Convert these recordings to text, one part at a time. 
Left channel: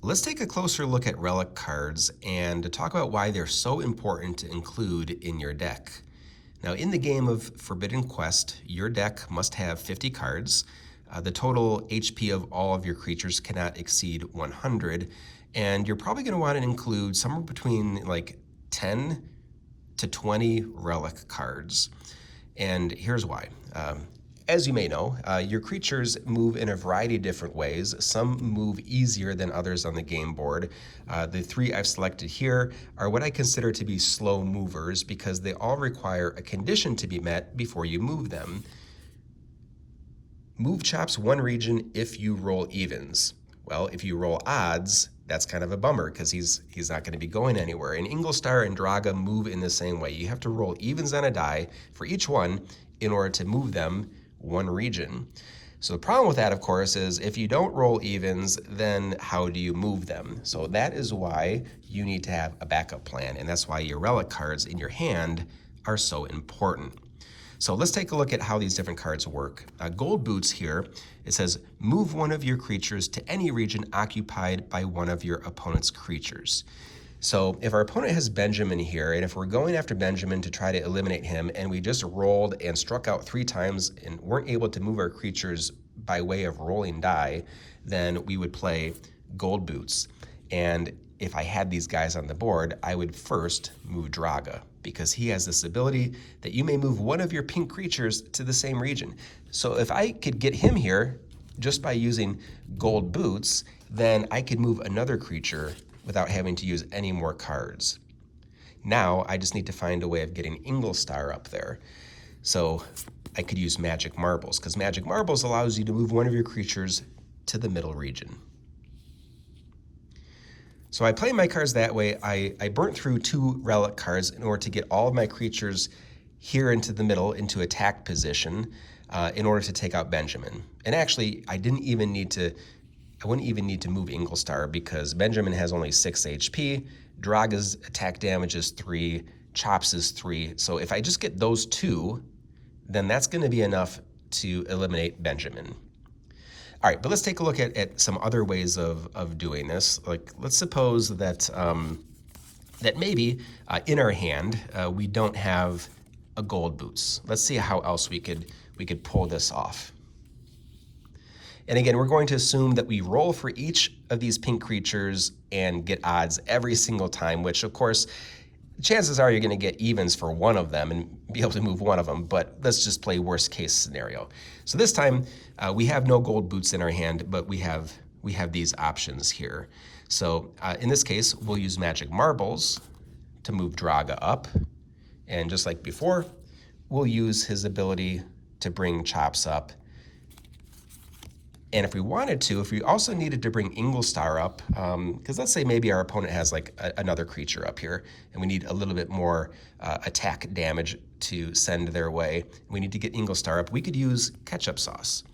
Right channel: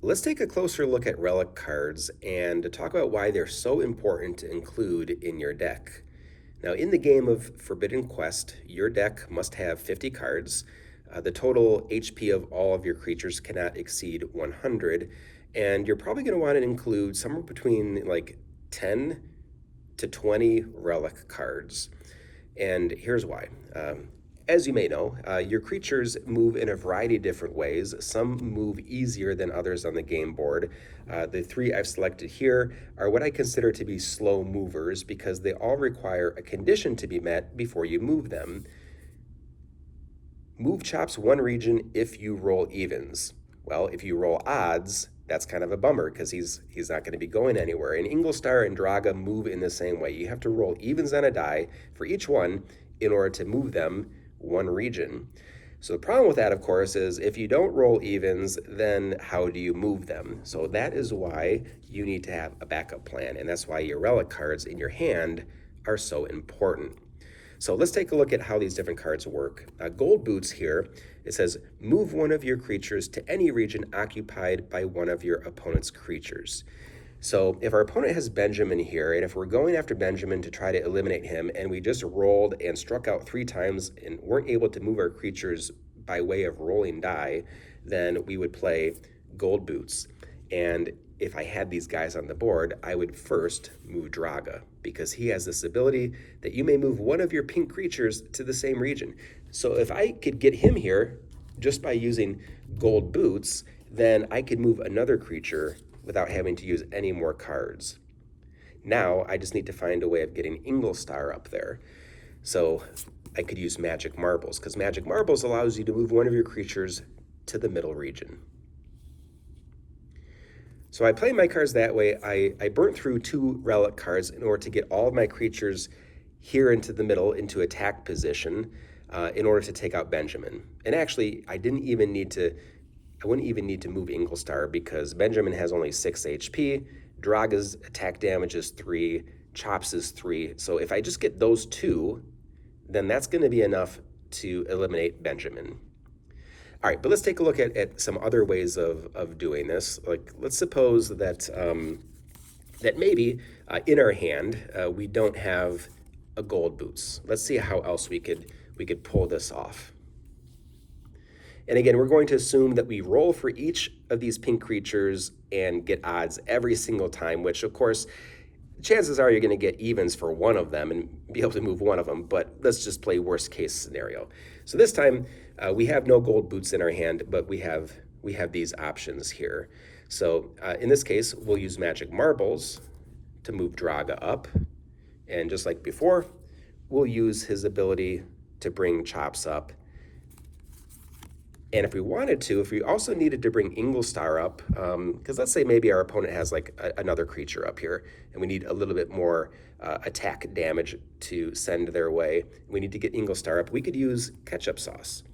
Let's take a closer look at relic cards and to talk about why they're so important to include in your deck. Now, in the game of Forbidden Quest, your deck must have 50 cards. The total HP of all of your creatures cannot exceed 100, and you're probably going to want to include somewhere between like 10 to 20 relic cards. And here's why. As you may know, your creatures move in a variety of different ways. Some move easier than others on the game board. The three I've selected here are what I consider to be slow movers because they all require a condition to be met before you move them. Move chops one region if you roll evens. Well, if you roll odds, that's kind of a bummer because he's not going to be going anywhere. And Inglestar and Draga move in the same way. You have to roll evens on a die for each one in order to move them one region. So the problem with that, of course, is if you don't roll evens, then how do you move them? So that is why you need to have a backup plan, and that's why your relic cards in your hand are so important. So let's take a look at how these different cards work. Gold Boots here, it says move one of your creatures to any region occupied by one of your opponent's creatures. So if our opponent has Benjamin here, and if we're going after Benjamin to try to eliminate him, and we just rolled and struck out 3 times and weren't able to move our creatures by way of rolling die, then we would play Gold Boots. And if I had these guys on the board, I would first move Draga, because he has this ability that you may move one of your pink creatures to the same region. So if I could get him here just by using Gold Boots, then I could move another creature without having to use any more cards. Now I just need to find a way of getting Inglestar up there. So I could use Magic Marbles, because Magic Marbles allows you to move one of your creatures to the middle region. So I play my cards that way. I burnt through 2 relic cards in order to get all of my creatures here into the middle, into attack position, in order to take out Benjamin. And actually, I wouldn't even need to move Inglestar because Benjamin has only 6 HP, Draga's attack damage is 3, Chops is 3. So if I just get those 2, then that's going to be enough to eliminate Benjamin. All right, but let's take a look at some other ways of doing this. Like, let's suppose that that maybe in our hand we don't have a Gold Boots. Let's see how else we could pull this off. And again, we're going to assume that we roll for each of these pink creatures and get odds every single time, which of course, chances are you're going to get evens for one of them and be able to move one of them, but let's just play worst case scenario. So this time we have no Gold Boots in our hand, but we have these options here. So in this case, we'll use Magic Marbles to move Draga up. And just like before, we'll use his ability to bring Chops up. And if we wanted to, if we also needed to bring Inglestar up, because let's say maybe our opponent has like another creature up here, and we need a little bit more attack damage to send their way, we need to get Inglestar up, we could use Ketchup Sauce.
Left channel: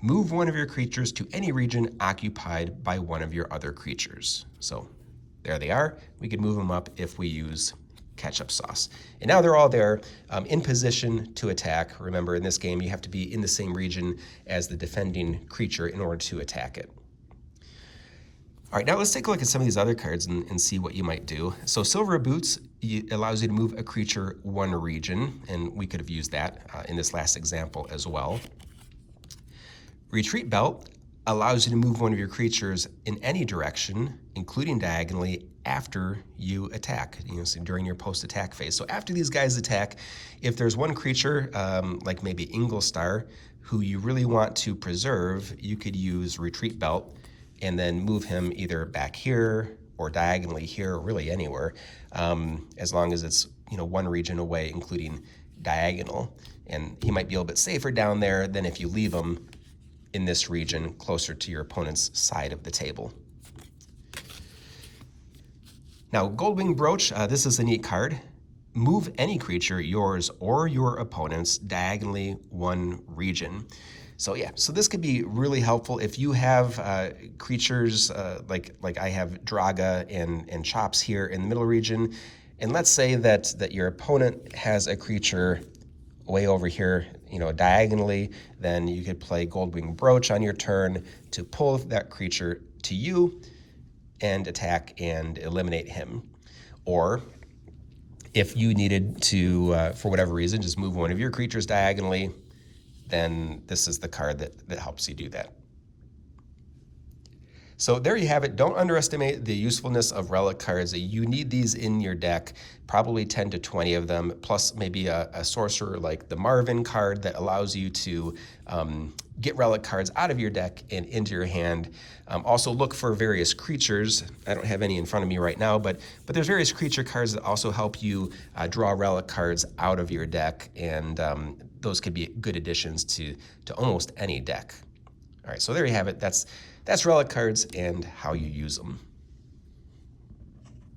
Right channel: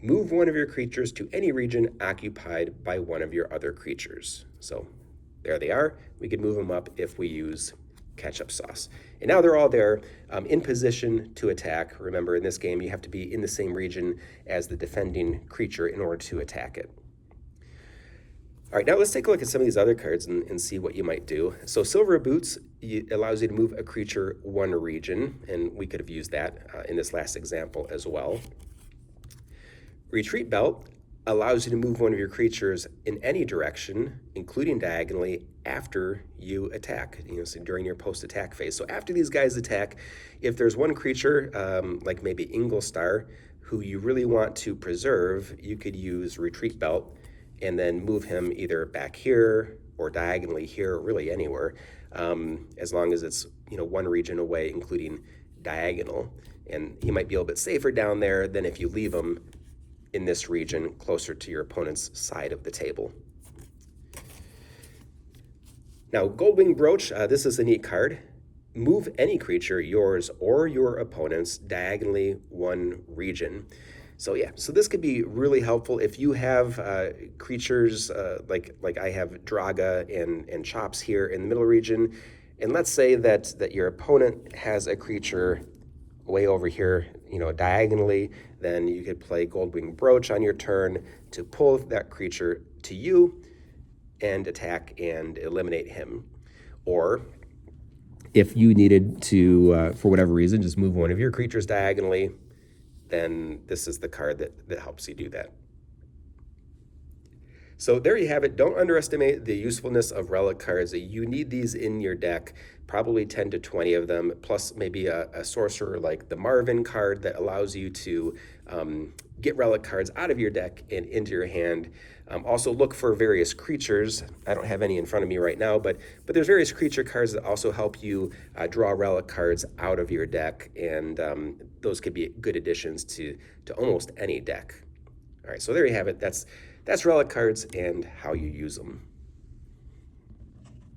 Move one of your creatures to any region occupied by one of your other creatures. So there they are. We could move them up if we use Ketchup Sauce. And now they're all there in position to attack. Remember, in this game, you have to be in the same region as the defending creature in order to attack it. All right, now let's take a look at some of these other cards and see what you might do. So Silver Boots allows you to move a creature one region, and we could have used that in this last example as well. Retreat Belt allows you to move one of your creatures in any direction, including diagonally, after you attack, so during your post-attack phase. So after these guys attack, if there's one creature, like maybe Inglestar, who you really want to preserve, you could use Retreat Belt and then move him either back here or diagonally here, or really anywhere, as long as it's one region away, including diagonal. And he might be a little bit safer down there than if you leave him in this region closer to your opponent's side of the table. Now, Goldwing Brooch, this is a neat card. Move any creature, yours or your opponent's, diagonally one region. So yeah, so this could be really helpful if you have creatures like I have Draga and Chops here in the middle region, and let's say that your opponent has a creature way over here, diagonally, then you could play Goldwing Brooch on your turn to pull that creature to you and attack and eliminate him. Or if you needed to, for whatever reason, just move one of your creatures diagonally, then this is the card that helps you do that. So there you have it. Don't underestimate the usefulness of relic cards. You need these in your deck, probably 10 to 20 of them, plus maybe a sorcerer like the Marvin card that allows you to get relic cards out of your deck and into your hand. Also look for various creatures. I don't have any in front of me right now, but there's various creature cards that also help you draw relic cards out of your deck, and those could be good additions to almost any deck. All right, so there you have it. That's relic cards and how you use them.